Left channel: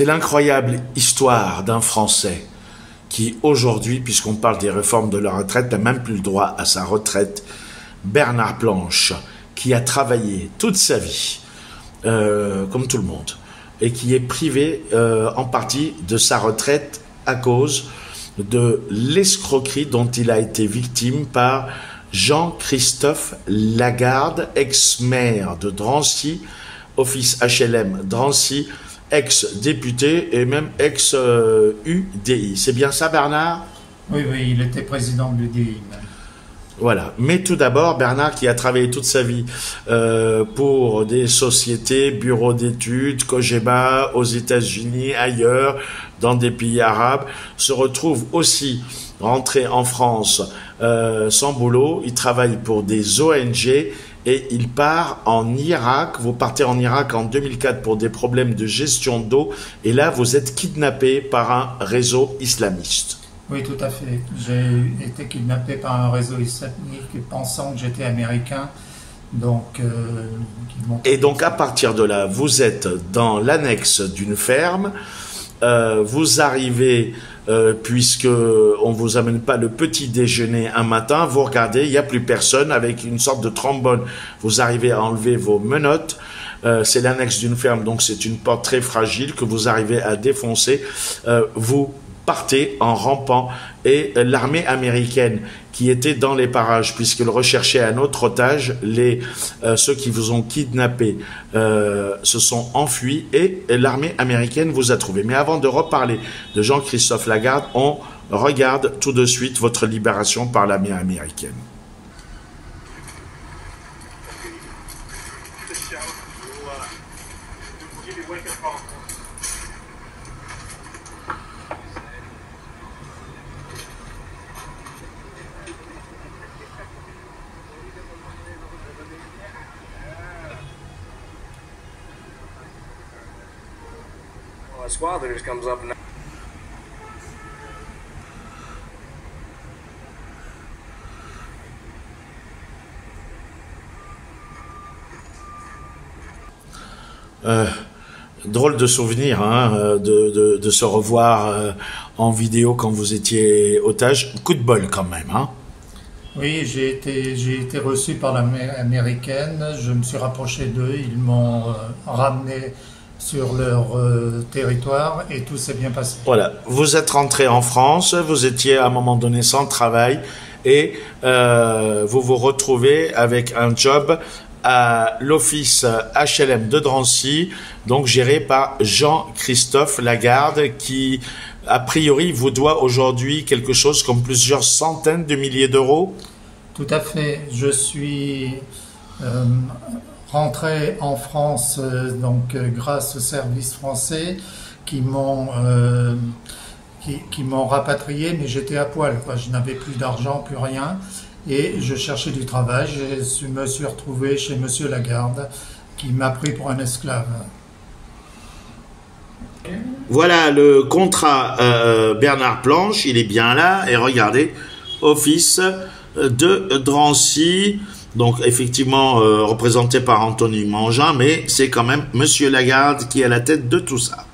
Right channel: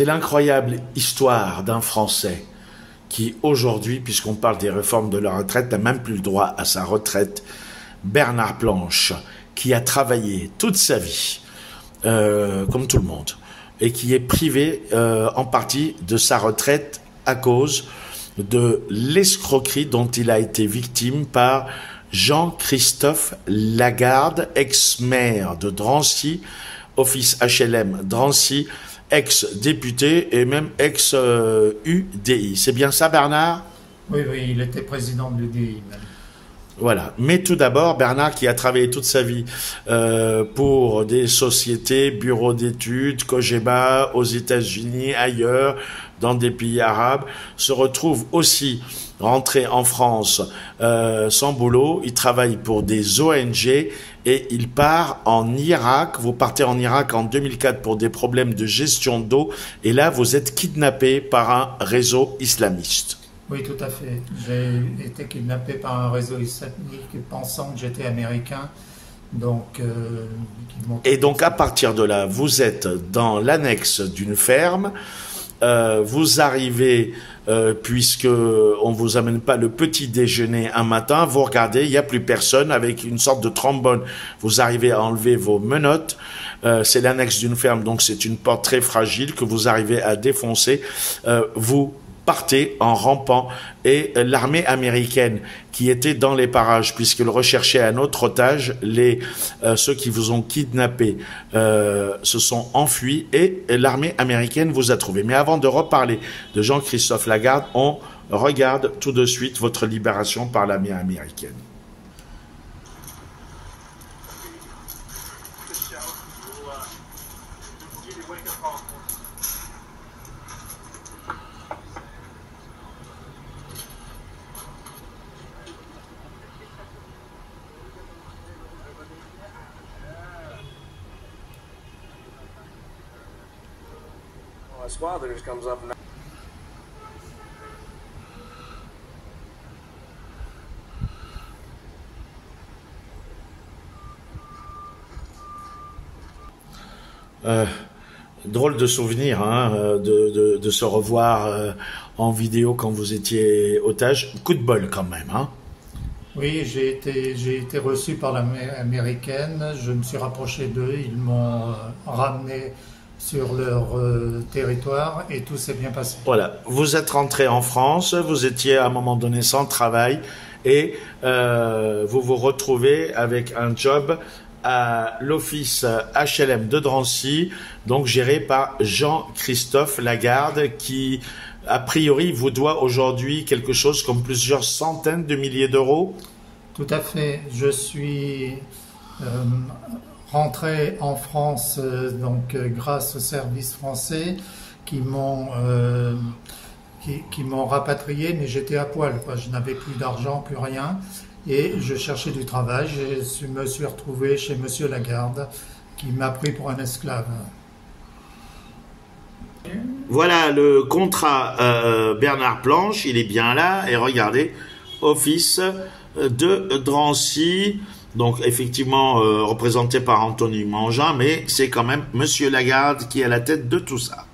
C'est l'incroyable histoire d'un Français qui aujourd'hui, puisqu'on parle des réformes de la retraite, n'a même plus le droit à sa retraite. Bernard Planche, qui a travaillé toute sa vie, comme tout le monde, et qui est privé en partie de sa retraite à cause de l'escroquerie dont il a été victime par Jean-Christophe Lagarde, ex-maire de Drancy, office HLM Drancy, ex-député et même ex-UDI. C'est bien ça, Bernard? Oui, oui, il était président de l'UDI. Voilà. Mais tout d'abord, Bernard, qui a travaillé toute sa vie pour des sociétés, bureaux d'études, Cogeba, aux États-Unis, ailleurs, dans des pays arabes, se retrouve aussi rentré en France sans boulot. Il travaille pour des ONG et il part en Irak. Vous partez en Irak en 2004 pour des problèmes de gestion d'eau et là, vous êtes kidnappé par un réseau islamiste. Oui, tout à fait. J'ai été kidnappé par un réseau islamique pensant que j'étais américain. Donc, et donc, à partir de là, vous êtes dans l'annexe d'une ferme. Vous arrivez, puisque on vous amène pas le petit déjeuner un matin, vous regardez, il n'y a plus personne, avec une sorte de trombone. Vous arrivez à enlever vos menottes. C'est l'annexe d'une ferme, donc c'est une porte très fragile que vous arrivez à défoncer. Vous partez en rampant et l'armée américaine qui était dans les parages puisqu'elle recherchait un autre otage, ceux qui vous ont kidnappé se sont enfuis et l'armée américaine vous a trouvé. Mais avant de reparler de Jean-Christophe Lagarde, on regarde tout de suite votre libération par l'armée américaine. Squad leader comes up now. Drôle de souvenir hein, de se revoir en vidéo quand vous étiez otage. Coup de bol quand même. Hein. Oui, j'ai été reçu par l'armée américaine. Je me suis rapproché d'eux. Ils m'ont ramené sur leur territoire et tout s'est bien passé. Voilà, vous êtes rentré en France, vous étiez à un moment donné sans travail et vous vous retrouvez avec un job à l'office HLM de Drancy, donc géré par Jean-Christophe Lagarde qui, a priori, vous doit aujourd'hui quelque chose comme plusieurs centaines de milliers d'euros. Tout à fait, je suis rentré en France donc grâce aux services français qui m'ont rapatrié, mais j'étais à poil, quoi. Je n'avais plus d'argent, plus rien, et je cherchais du travail. Je me suis retrouvé chez Monsieur Lagarde, qui m'a pris pour un esclave. Voilà le contrat Bernard Planche, il est bien là, et regardez, office de Drancy. Donc, effectivement, représenté par Anthony Mangin, mais c'est quand même Monsieur Lagarde qui est à la tête de tout ça.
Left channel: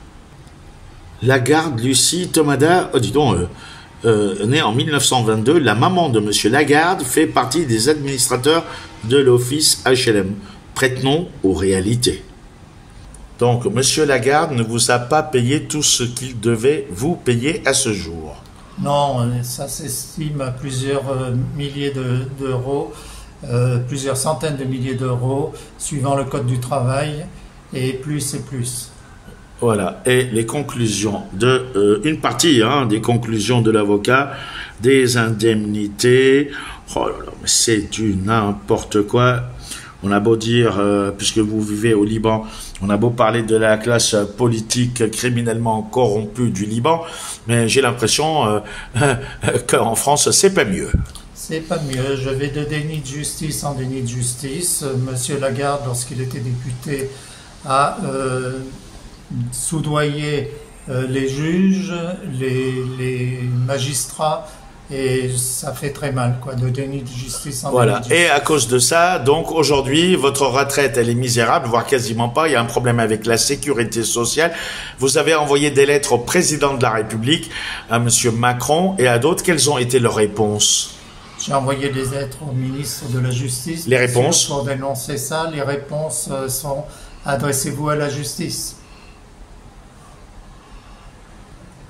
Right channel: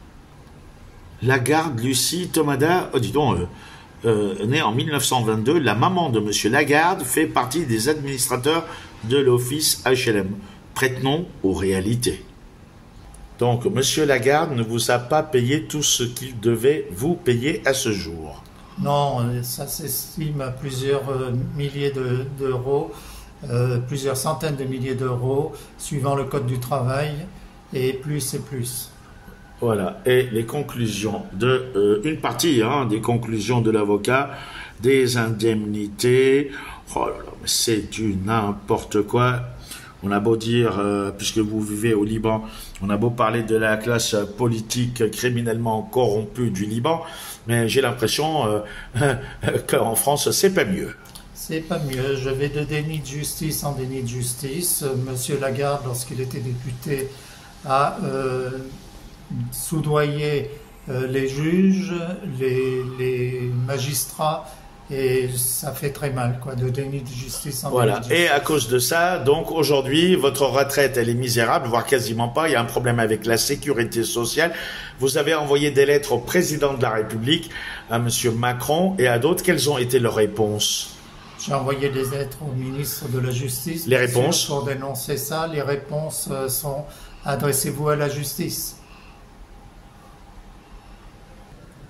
Lagarde Lucie Tomada, dis donc, née en 1922, la maman de Monsieur Lagarde fait partie des administrateurs de l'office HLM. Prête-nom aux réalités. Donc, Monsieur Lagarde ne vous a pas payé tout ce qu'il devait vous payer à ce jour. Non, ça s'estime à plusieurs milliers d'euros. Plusieurs centaines de milliers d'euros, suivant le code du travail, et plus et plus. Voilà, et les conclusions une partie des conclusions de l'avocat, des indemnités, oh là là, mais c'est du n'importe quoi. On a beau dire, puisque vous vivez au Liban, on a beau parler de la classe politique criminellement corrompue du Liban, mais j'ai l'impression qu'en France, c'est pas mieux. C'est pas mieux. Je vais de déni de justice en déni de justice. Monsieur Lagarde, lorsqu'il était député, a soudoyé les juges, les magistrats, et ça fait très mal, quoi, de déni de justice en Voilà. déni de justice. Et à cause de ça, donc aujourd'hui, votre retraite, elle est misérable, voire quasiment pas. Il y a un problème avec la sécurité sociale. Vous avez envoyé des lettres au président de la République, à monsieur Macron et à d'autres. Quelles ont été leurs réponses? J'ai envoyé des lettres au ministre de la Justice. Les réponses? Pour dénoncer ça. Les réponses sont adressez-vous à la justice.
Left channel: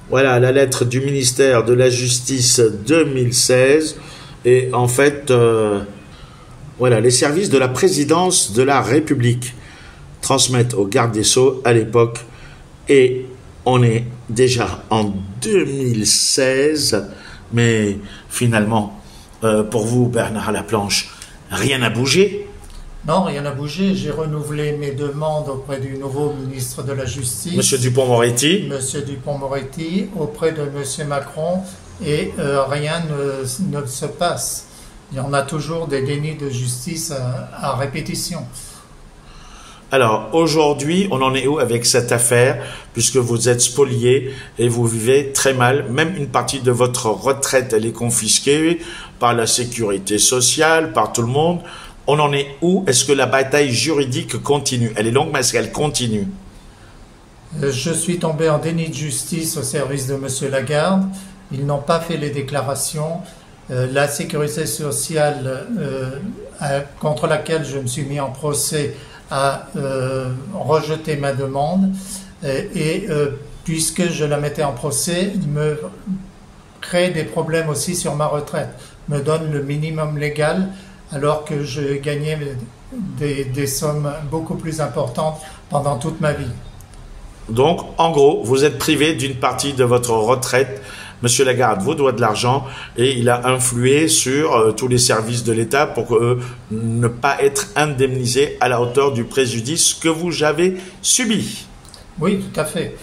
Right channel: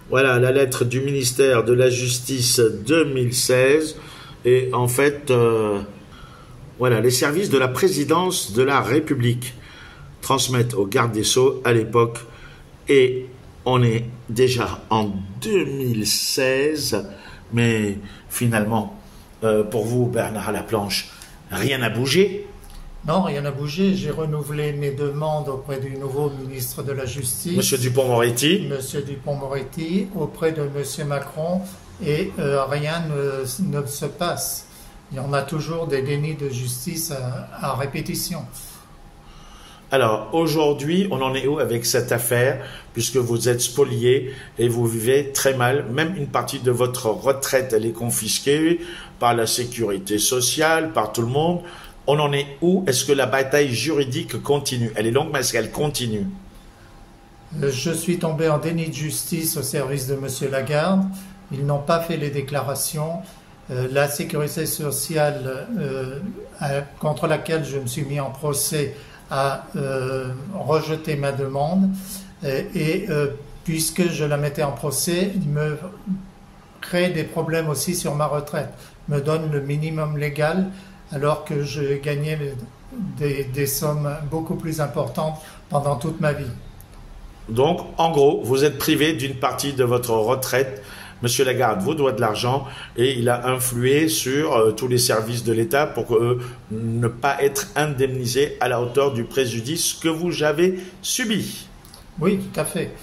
Voilà la lettre du ministère de la Justice 2016. Et en fait, voilà, les services de la présidence de la République transmettent au garde des Sceaux à l'époque. Et on est déjà en 2016. Mais finalement, pour vous, Bernard Laplanche, rien n'a bougé. Non, rien n'a bougé. J'ai renouvelé mes demandes auprès du nouveau ministre de la Justice, Monsieur Dupond-Moretti. Monsieur Dupond-Moretti, auprès de Monsieur Macron, et rien ne se passe. Il y en a toujours des dénis de justice à répétition. Alors, aujourd'hui, on en est où avec cette affaire, puisque vous êtes spolié et vous vivez très mal. Même une partie de votre retraite, elle est confisquée par la sécurité sociale, par tout le monde. On en est où? Est-ce que la bataille juridique continue? Elle est longue, mais est-ce qu'elle continue? Je suis tombé en déni de justice au service de Monsieur Lagarde. Ils n'ont pas fait les déclarations. La sécurité sociale contre laquelle je me suis mis en procès a rejeté ma demande. Puisque je la mettais en procès, il me crée des problèmes aussi sur ma retraite. Me donne le minimum légal alors que je gagnais des sommes beaucoup plus importantes pendant toute ma vie. Donc, en gros, vous êtes privé d'une partie de votre retraite. Monsieur Lagarde vous doit de l'argent et il a influé sur tous les services de l'État pour ne pas être indemnisé à la hauteur du préjudice que vous avez subi. Oui, tout à fait.